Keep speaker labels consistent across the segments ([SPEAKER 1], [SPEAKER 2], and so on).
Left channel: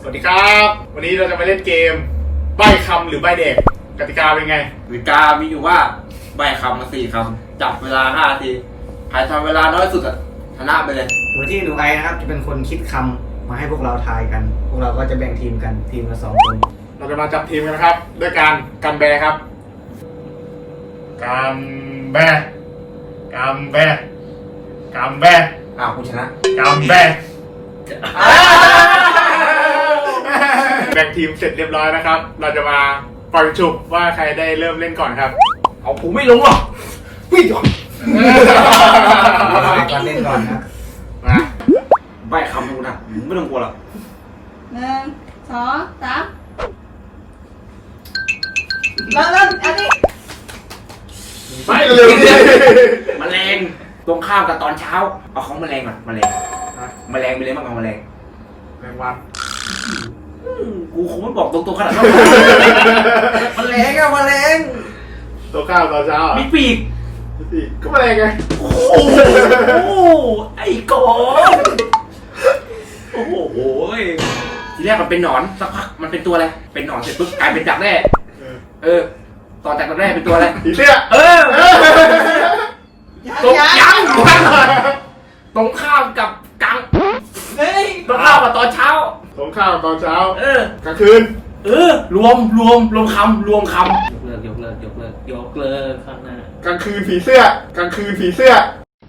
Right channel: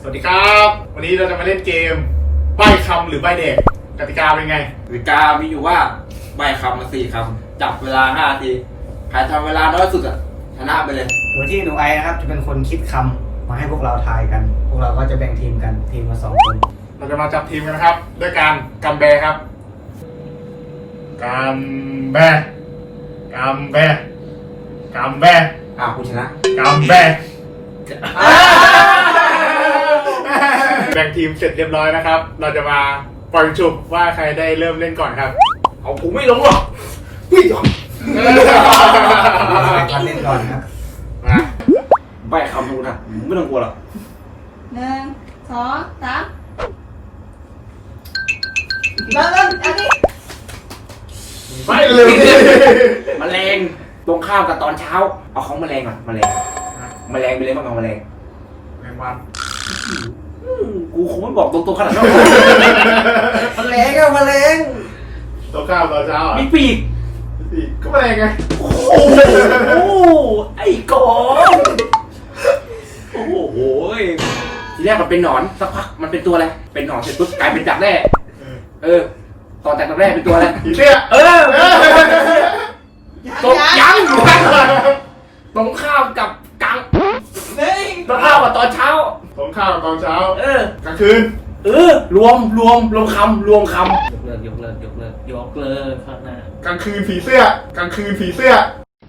[SPEAKER 1] วัสดีครับวันนี้เราจะมาเล่นเกมใบ้คำหรือใบ้เด็กกติกาเป็นไง
[SPEAKER 2] กติกามีอยู่ว่าใบคำมา4 คำจับเวลา5 นาทีใครทำเวลาน้อยสุดอะชนะไปเลย
[SPEAKER 3] โดยที่หนูไอนะครับจะเป็นคนคิดคำมาให้พวกเราทายกันพวกเราก็จะแบ่งทีมกันทีมละ2 คน
[SPEAKER 1] เราจะมาจับทีมกันนะครับด้วยการกำแบครับกำแบกำแบกำแบ
[SPEAKER 2] คุณชนะ
[SPEAKER 1] กำแบแบ่งทีมเสร็จเรียบร้อยนะครับเราจะมาปล่อยจุบว่าใครได้เริ่มเล่นก่อนครับ
[SPEAKER 2] เอาผมไม่ลงหรอกวิ่งก่อน
[SPEAKER 3] มาเล่นก่อนครับ
[SPEAKER 1] มา
[SPEAKER 2] ใบคำดูนะไม่ต้องกลัวหรอก
[SPEAKER 4] 1 2 3เริ่มอันนี้
[SPEAKER 1] ไปเลย
[SPEAKER 2] แมลงตรงข้ามกับตอนเช้าเอาของแมลงก่อนแมลงไปเลยต้องเอาแมลง
[SPEAKER 1] แมงวัน
[SPEAKER 2] กูคงไม่บอกตรงๆขนาดนั้นแมลงอะแมลง
[SPEAKER 1] ตัวข้าวตอนเช้า
[SPEAKER 2] มีปีก
[SPEAKER 1] ก็แมลงไง
[SPEAKER 2] โอ้ไอ้กอนโอ้โหทีแรกมันเป็นหนอนสักพักมันเป็นตัวอะไรเป็นหนอนเสร็จปุ๊บกลายเป็นดักแร่ตอนจากดักแร่เป็นตัวอะไร
[SPEAKER 1] ผีเสื้อ
[SPEAKER 2] ยังตรงข้ามกับกังตรงข้ามกับตอนเช้า
[SPEAKER 1] ตรงข้าวตอนเช้ากลางคืน
[SPEAKER 2] รวมคำยกเลิกข้างหน้าก
[SPEAKER 1] ลางคืนผีเสื้อกลางคืนผีเสื้อ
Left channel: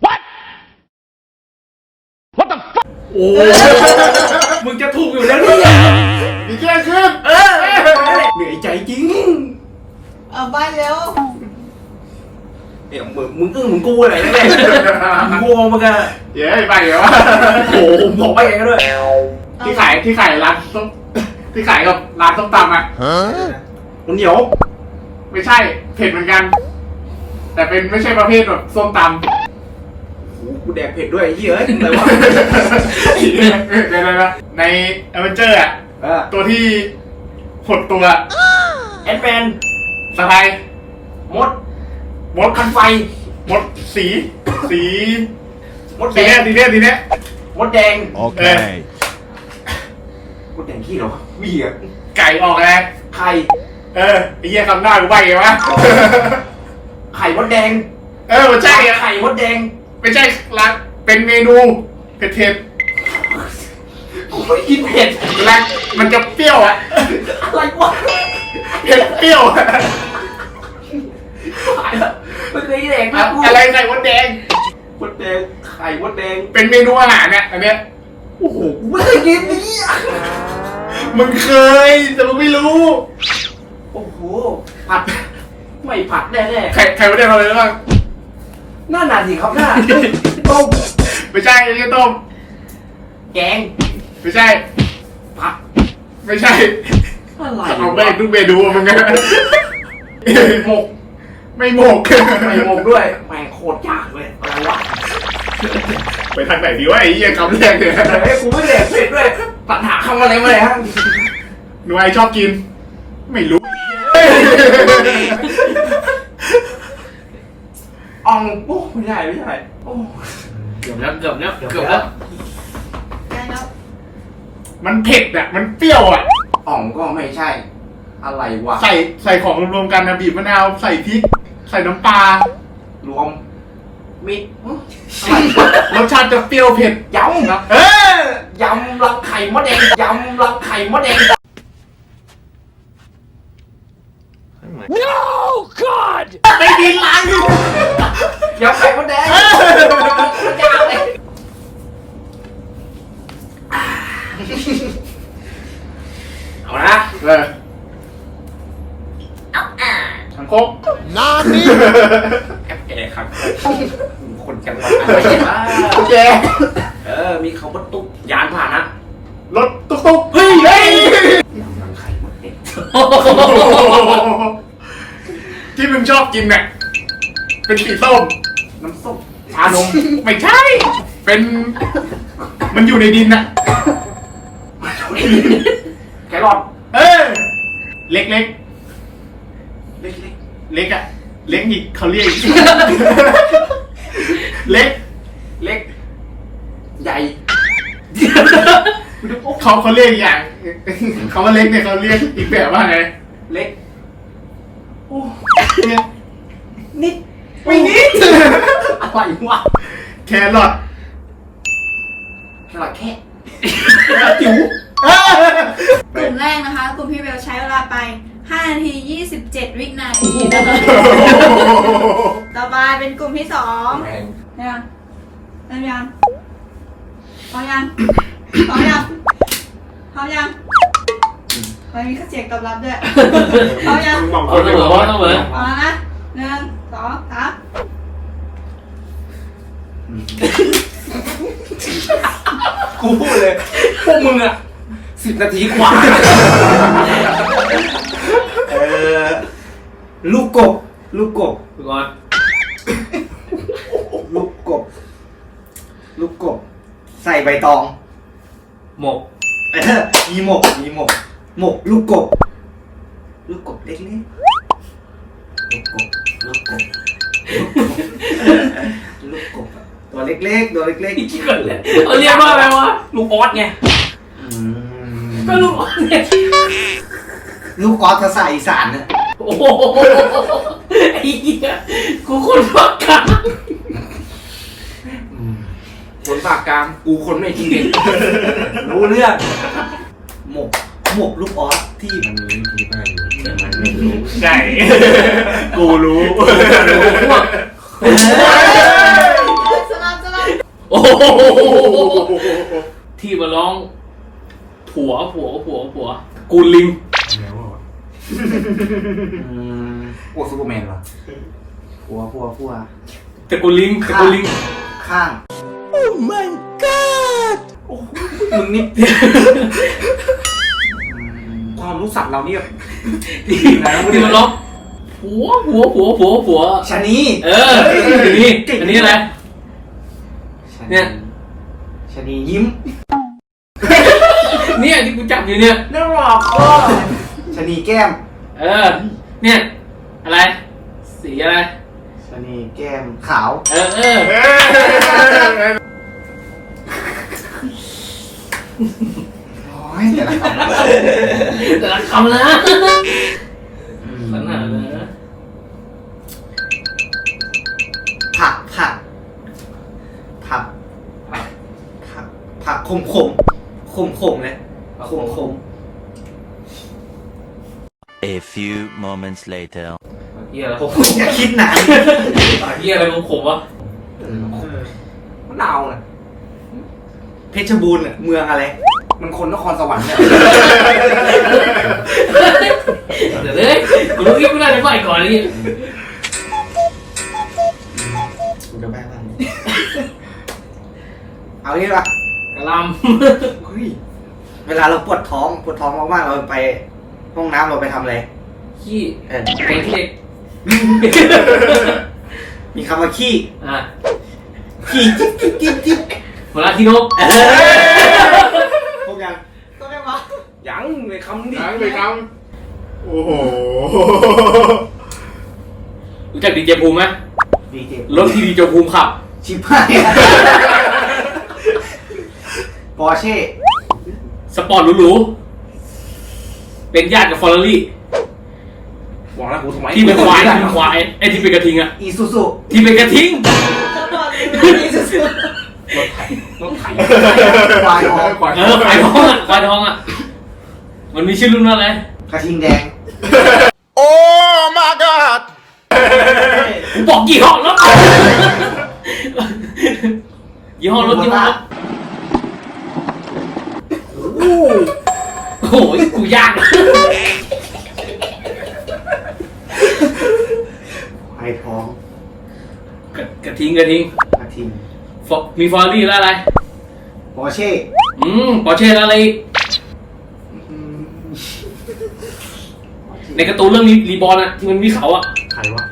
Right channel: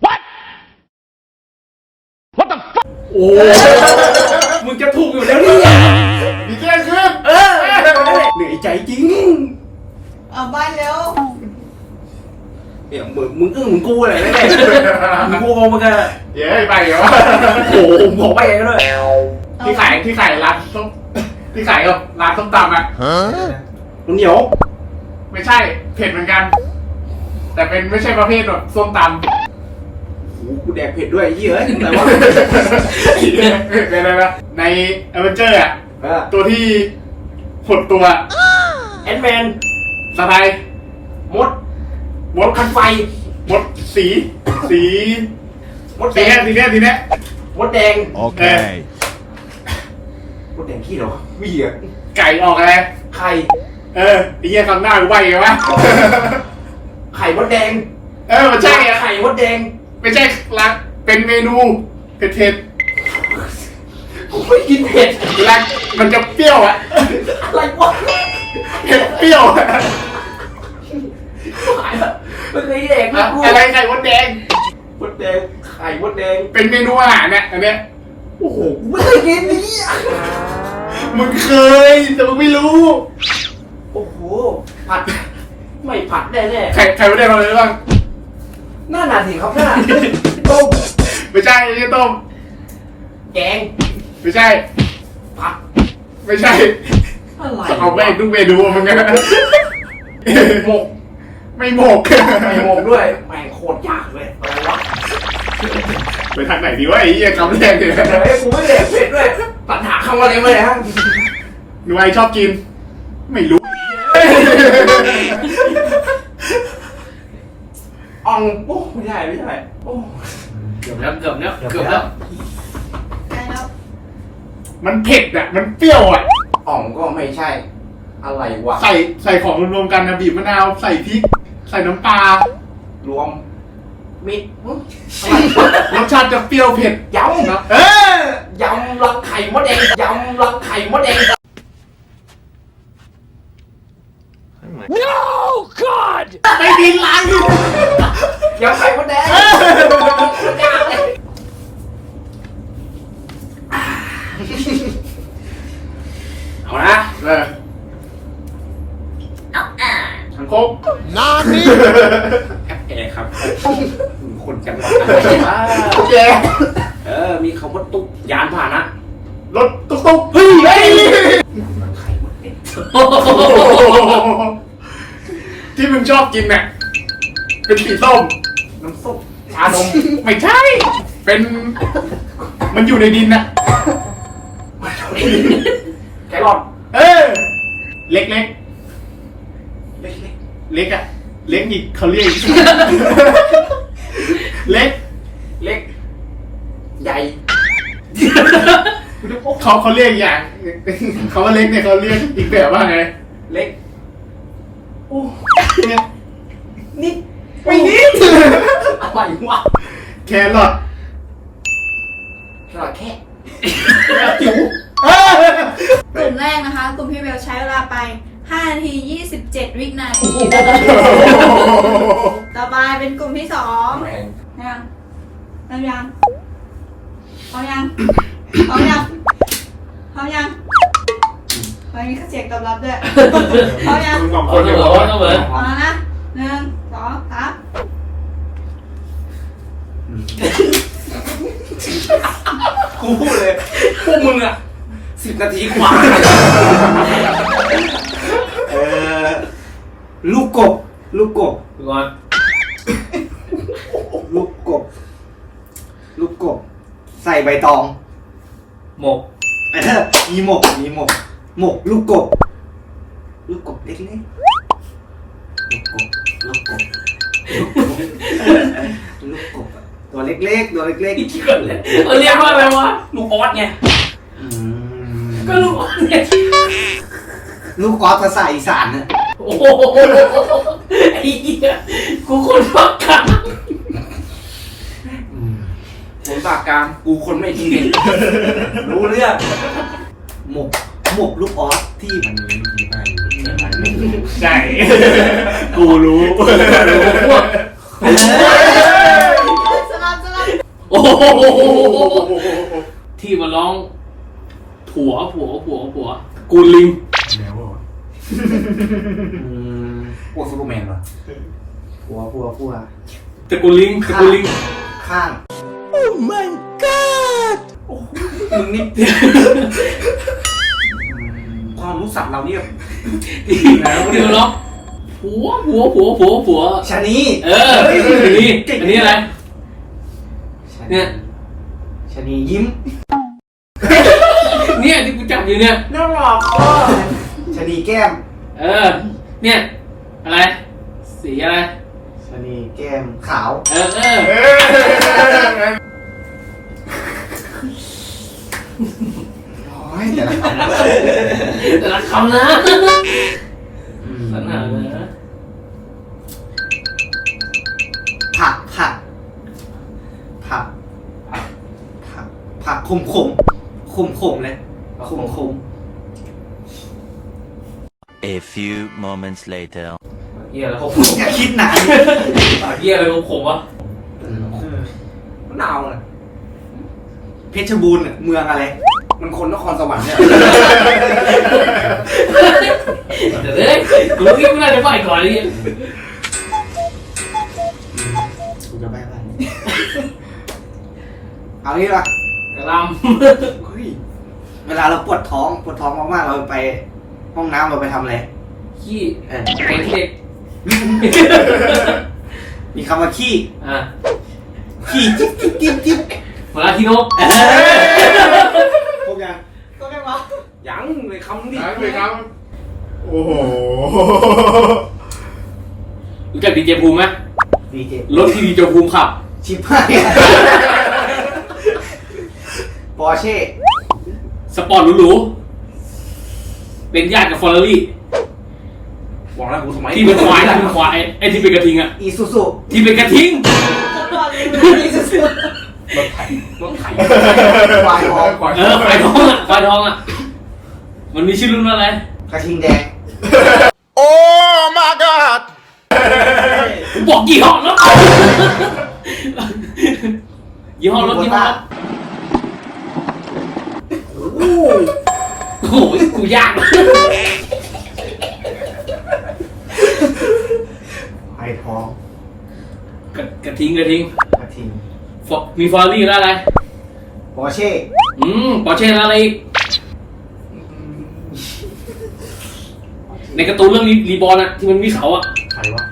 [SPEAKER 1] What the fuck
[SPEAKER 2] โอ้มึงจะถูกอยู่แล้วเนี่ย
[SPEAKER 1] ผีเสื้อคืน
[SPEAKER 2] เหนื่อยใจจริง
[SPEAKER 4] เอาใบเร็ว
[SPEAKER 2] เดี๋ยวมึงมึงกูอะไรนะเนี่ยมึงกูมึงอะ
[SPEAKER 1] เย้ไปเหรอ
[SPEAKER 2] โอ้โหบอกไปเองด้วย
[SPEAKER 1] ที่ขายร้านส้มที่ขายกับร้านส้มตำอ่ะ
[SPEAKER 2] มันเหนียว
[SPEAKER 1] ไม่ใช่เผ็ดเหมือนกันแต่เป็นไม่ใช่ประเภทแบบส้มตำ
[SPEAKER 2] กูแดกเผ็ดด้วยเยอะอะไรวะ
[SPEAKER 1] เลยนะในเอเวนเจอร์อ่ะตัวที่หดตัว
[SPEAKER 2] แอนแมน
[SPEAKER 1] สไนมด
[SPEAKER 2] คันไฟ
[SPEAKER 1] มดสี
[SPEAKER 2] มดแดง
[SPEAKER 1] ทีเนี้ย
[SPEAKER 2] มดแดง
[SPEAKER 5] โอเค
[SPEAKER 2] มดแดงขี้เหรอมีอ่ะ
[SPEAKER 1] ไก่ออกอะไร
[SPEAKER 2] ไข่
[SPEAKER 1] ไอ้เหี้ยคำหน้ากูใบ้ไงวะ
[SPEAKER 2] ไข่มดแดง
[SPEAKER 1] มันใช่
[SPEAKER 2] ไข่มดแดง
[SPEAKER 1] ไม่ใช่ละเป็นเมนูเผ็ด
[SPEAKER 2] กูไม่กินเผ็ด
[SPEAKER 1] ละมันจะเปรี้ยวอะ
[SPEAKER 2] อะไรวะ
[SPEAKER 1] เผ็ดเปรี้ยว
[SPEAKER 2] มันไม่แดงนะกู
[SPEAKER 1] อะไรไข่มดแดง
[SPEAKER 2] ไข่มดแดง
[SPEAKER 1] เป็นเมนูอาหารเนี่ยอันเนี้ย
[SPEAKER 2] โอ้โหกูไม่เคยกินนี่
[SPEAKER 1] มึงเคยแต่มึงไม่รู้
[SPEAKER 2] โอ้โหผัดไม่ผัดแน่
[SPEAKER 1] ไข่มดแดงอะไรบ้าง
[SPEAKER 2] หน้าสิครับหน้าต้ม
[SPEAKER 1] ไม่ใช่ไม่ใช่ต้ม
[SPEAKER 2] แกง
[SPEAKER 1] ไม่ใช่
[SPEAKER 2] ผัด
[SPEAKER 1] ไม่ใช่
[SPEAKER 2] อะไร
[SPEAKER 1] เอาไปดูเมนูมึงไง
[SPEAKER 2] หมก
[SPEAKER 1] ไม่หมก
[SPEAKER 2] ด้วยแม่งโคตรยากเลยอะไรวะ
[SPEAKER 1] ไปทางไหนดีวะไอ้เหี้ยคำแรกเนี่ย
[SPEAKER 2] กูไม่แดกเผ็ดด้วยปัญหาคำอะไรมาเลยฮะ
[SPEAKER 1] หนูไอชอบกินไม่รู้
[SPEAKER 2] อ่องโอ้ไม่ใช่โอ้เกือบแล้ว
[SPEAKER 1] มันเผ็ดอ่ะมันเปรี้ยวอ่ะ
[SPEAKER 2] อ่องก็ไม่ใช่อะไรวะ
[SPEAKER 1] ใส่ของรวมๆกันนะบีบมะนาวใส่พริกใส่น้ำปลาร
[SPEAKER 2] วมมิด
[SPEAKER 1] รสชาติจะเปรี้ยวเผ็ด
[SPEAKER 2] ยำนะยำรังไข่มดแดง
[SPEAKER 5] No God
[SPEAKER 1] ไม่ดีล้างอยู่
[SPEAKER 2] ยำไข่มดแดงเอานะ
[SPEAKER 1] ทางโคก
[SPEAKER 5] นานนี่
[SPEAKER 2] อะไรครับคนจังหวัดอะไร
[SPEAKER 1] โอเค
[SPEAKER 2] มีเขาว่าตุ๊กยานผ่านนะ
[SPEAKER 1] รถตุ๊กเฮ้ย
[SPEAKER 2] ยำรังไข่มดแดง
[SPEAKER 1] ที่มึงชอบกินเนี่ยเป็นสีส้ม
[SPEAKER 2] น้ำส้ม
[SPEAKER 1] ชานมไม่ใช่เป็นมันอยู่ในดินน่ะ
[SPEAKER 2] แครอท
[SPEAKER 1] เล็กอะเล็กอีกเขาเรียกเล็ก
[SPEAKER 2] ใหญ่
[SPEAKER 1] โเขาเรียกอย่างเขาว่าเล็กเนี่ยเขาเรียกอีกแบบว่าไง
[SPEAKER 2] เล็ก
[SPEAKER 4] นิด
[SPEAKER 2] ไม่นิดอะไรวะ
[SPEAKER 1] แครอท
[SPEAKER 2] สลัดแค่จิ๋ว
[SPEAKER 4] กลุ่มแรกนะคะ กลุ่มพี่เบลใช้เวลาไป5 นาที 27 วินาที ต่อไปเป็นกลุ่มที่2เนี่ยพร้อมยังพร้อมยังพร้อมยังพร้อมยังไม่มีเสียงตอบรับด้วยพร้อมยัง
[SPEAKER 1] บางค
[SPEAKER 6] เอา
[SPEAKER 1] น
[SPEAKER 6] จะ
[SPEAKER 1] จะ
[SPEAKER 6] บบ อ
[SPEAKER 1] อก ก
[SPEAKER 6] ว่า
[SPEAKER 1] ว่า
[SPEAKER 6] เหมือน
[SPEAKER 4] พร้อมนะ1 2 3
[SPEAKER 2] กูพูดเลยพวกมึงอะ10 นาทีกว่า
[SPEAKER 3] ลูกกบ ลูกกบ
[SPEAKER 6] ก่อน
[SPEAKER 3] ลูกกบ ลูกกบ ใส่ใบตอง
[SPEAKER 6] หมก
[SPEAKER 3] มีหมก มีหมก หมก ลูกกบ ลูกกบเล็กๆลูกกบ ลูกกบ ลูกกบ ตัวเล็กๆ ตัวเล็ก
[SPEAKER 6] อีกทีก่อนเลยเรียกว่าอะไรวะ
[SPEAKER 2] ลูกออสไง
[SPEAKER 3] ๆอืม
[SPEAKER 6] ก็ลูกอ่อนเนี่ย
[SPEAKER 3] ลูกออสภาษาอีสานเนี่ย
[SPEAKER 6] โอ้โหไอ้เหี้ยกูคนพักกลาง
[SPEAKER 2] คนปากกลางกูคนไม่จริงเด็กรู้เรื่อง
[SPEAKER 3] หมก หมกลูกออสที่มันมีที่บ้านอยู่แต่มันไม่รู้
[SPEAKER 1] ใช่กูรู้
[SPEAKER 6] พวก
[SPEAKER 4] สลับ
[SPEAKER 6] โอ้โหที่มาร้อง ผัวกูลิง
[SPEAKER 2] พวกซูเปอร์แมนวะ
[SPEAKER 3] พัว
[SPEAKER 6] แต่กูลิง
[SPEAKER 3] ข้าง
[SPEAKER 2] มึงนี่ความรู้สัตว์เราเนี่ย
[SPEAKER 6] ที่มาร้องผัว
[SPEAKER 3] ชะนี
[SPEAKER 6] อันนี้อะไร เนี่ย
[SPEAKER 3] ชะนียิ้ม
[SPEAKER 6] เนี่ยที่กูจับอยู่เนี่ย
[SPEAKER 2] น่ารัก
[SPEAKER 3] ชะนีแก้ม
[SPEAKER 6] เนี่ย อะไร สีอะไร
[SPEAKER 3] ชะนีแก้มขาว โอ้ยเดี๋ยวนะ
[SPEAKER 6] แต่ละคำนะขนาดเลยนะ
[SPEAKER 3] ผักขมเลยขม
[SPEAKER 7] A few moments later.
[SPEAKER 6] เหี้ยอะไรผม
[SPEAKER 3] อย่าคิดนาน
[SPEAKER 6] เหี้ยอะไรผมวะ
[SPEAKER 2] มะนาวน่ะ
[SPEAKER 3] เพชรบูรณ์เมืองอะไร
[SPEAKER 2] มันคนนครสวรรค์เนี่ย
[SPEAKER 6] เดี๋ยวเลยรู้ยิ่งไม่น่าจะไปก่อนเลย
[SPEAKER 3] เอางี้ป่ะ
[SPEAKER 6] กระล
[SPEAKER 3] เฮ้ยเวลาเราปวดท้องมากๆเราไปห้องน้ำเราไปทำอะไร
[SPEAKER 6] ำขี้
[SPEAKER 3] เออ
[SPEAKER 6] ไอ้เด็ก
[SPEAKER 3] มีคำว่าขี้
[SPEAKER 6] ขี้
[SPEAKER 3] จิ๊บ
[SPEAKER 6] เวลาที่นก
[SPEAKER 3] พวกยัง
[SPEAKER 4] ตัวไหนวะ
[SPEAKER 2] ยังเลยคำดิ
[SPEAKER 1] หายไปครับโอ้โห
[SPEAKER 6] รู้จักดีเจภูมิไหม
[SPEAKER 3] ดีเจ
[SPEAKER 6] รถที่ดีเจภูมิขับ
[SPEAKER 3] ชิบหายปอร์เช่
[SPEAKER 6] สปอร์ตหรูๆเป็นญาติกับฟอร์รารี่
[SPEAKER 2] บอกแล้วกูทำไม
[SPEAKER 6] ที่เป็นควายไอ้ที่เป็นกระทิงอะ
[SPEAKER 3] อีซูซู
[SPEAKER 6] ที่เป็นกระทิง
[SPEAKER 2] รถไถ
[SPEAKER 3] ควายทอง
[SPEAKER 6] ควายทองอะมันมีชื่อรุ่นว่าอะไร
[SPEAKER 3] กระทิงแดง
[SPEAKER 5] Oh my god!
[SPEAKER 6] กูบอกยี่ห้อแล้วยี่ห้อรถยี่ห้อโอ้โหกูยาก
[SPEAKER 3] ควายทอง
[SPEAKER 6] กระทิง
[SPEAKER 3] กระทิง
[SPEAKER 6] มีฟอร์รี่แล้วอะไร
[SPEAKER 3] ปอร์เช่
[SPEAKER 6] ปอร์เช่แล้วอะไรอีกในการ์ตูนเรื่องรีบอร์นอะที่มันมีเขาอะ
[SPEAKER 3] ใครวะ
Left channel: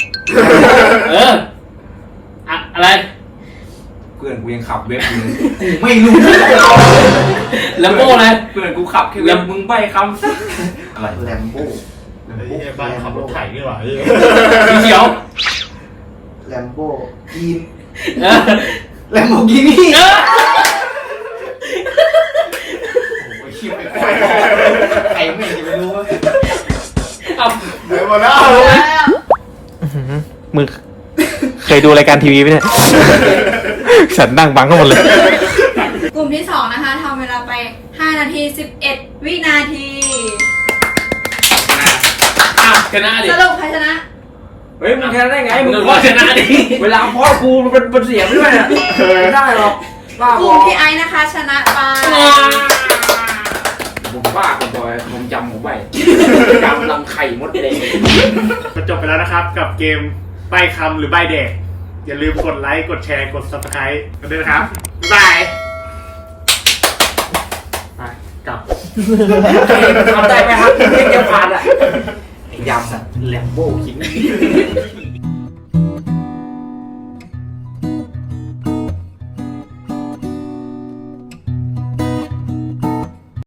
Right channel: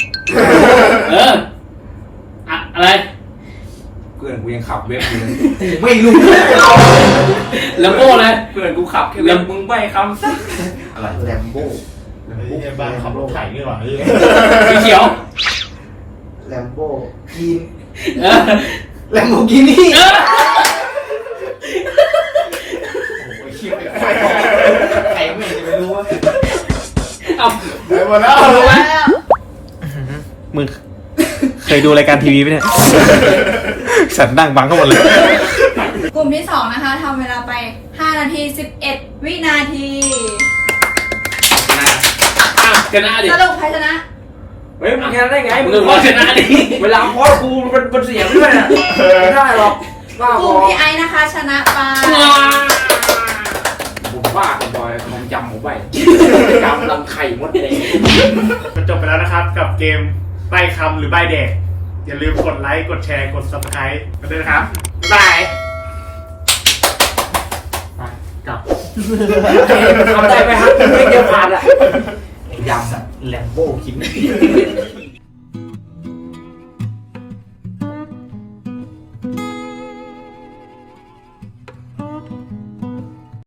[SPEAKER 6] อะไร
[SPEAKER 2] เพื่อนกูยังขับเว็บอยู่เลย
[SPEAKER 3] ไม่รู้
[SPEAKER 6] แลมโบ้เลย
[SPEAKER 2] เพื่อนกูขับแค่เว็บมึงใบคำสักอะไร
[SPEAKER 3] แลมโบ้
[SPEAKER 1] ไอ้บ้านขับรถไถนี่หว่า
[SPEAKER 6] สีเขียว
[SPEAKER 3] แลมโบ้กิน
[SPEAKER 6] เออ
[SPEAKER 3] แลมโบกินี่
[SPEAKER 6] เออ
[SPEAKER 3] โ
[SPEAKER 2] ใครไม่รู้ว่า
[SPEAKER 1] เดี๋ยวหมดแล้ว
[SPEAKER 6] มึงเคยดูรายการทีวีไหมเนี่ยฉันนั่งบังเข้ามาเลย
[SPEAKER 4] กลุ่มที่2นะคะทำเวลาไป5 นาที 11 วินาที
[SPEAKER 2] ชนะดิ
[SPEAKER 4] สรุปใครชนะ
[SPEAKER 2] เฮ้ยมึงชนะได้ไงมึง
[SPEAKER 6] มึงชนะดิ
[SPEAKER 2] เวลาพ่อกูมันเป็นเสียงด้วยน่ะไม่ได้หรอกบ้าก บ
[SPEAKER 4] ลุ่
[SPEAKER 2] อ
[SPEAKER 4] มพี่ไอซ์นะคะชนะไป
[SPEAKER 2] ผมบ้าคนบอยผมจำผมไว้จำลำไข่มดเลย
[SPEAKER 1] ก็จบไปแล้วนะครับกับเกมใบ้คำหรือใบ้แดกอย่าลืมกดไลค์กดแชร์กด subscribe กันด้วยนะครับบ๊ายบายไปกลับ
[SPEAKER 2] ทำได้ไหมครับเดียวผ่านอ่ะไอ้ยำสัตว์แลมโบ้คิด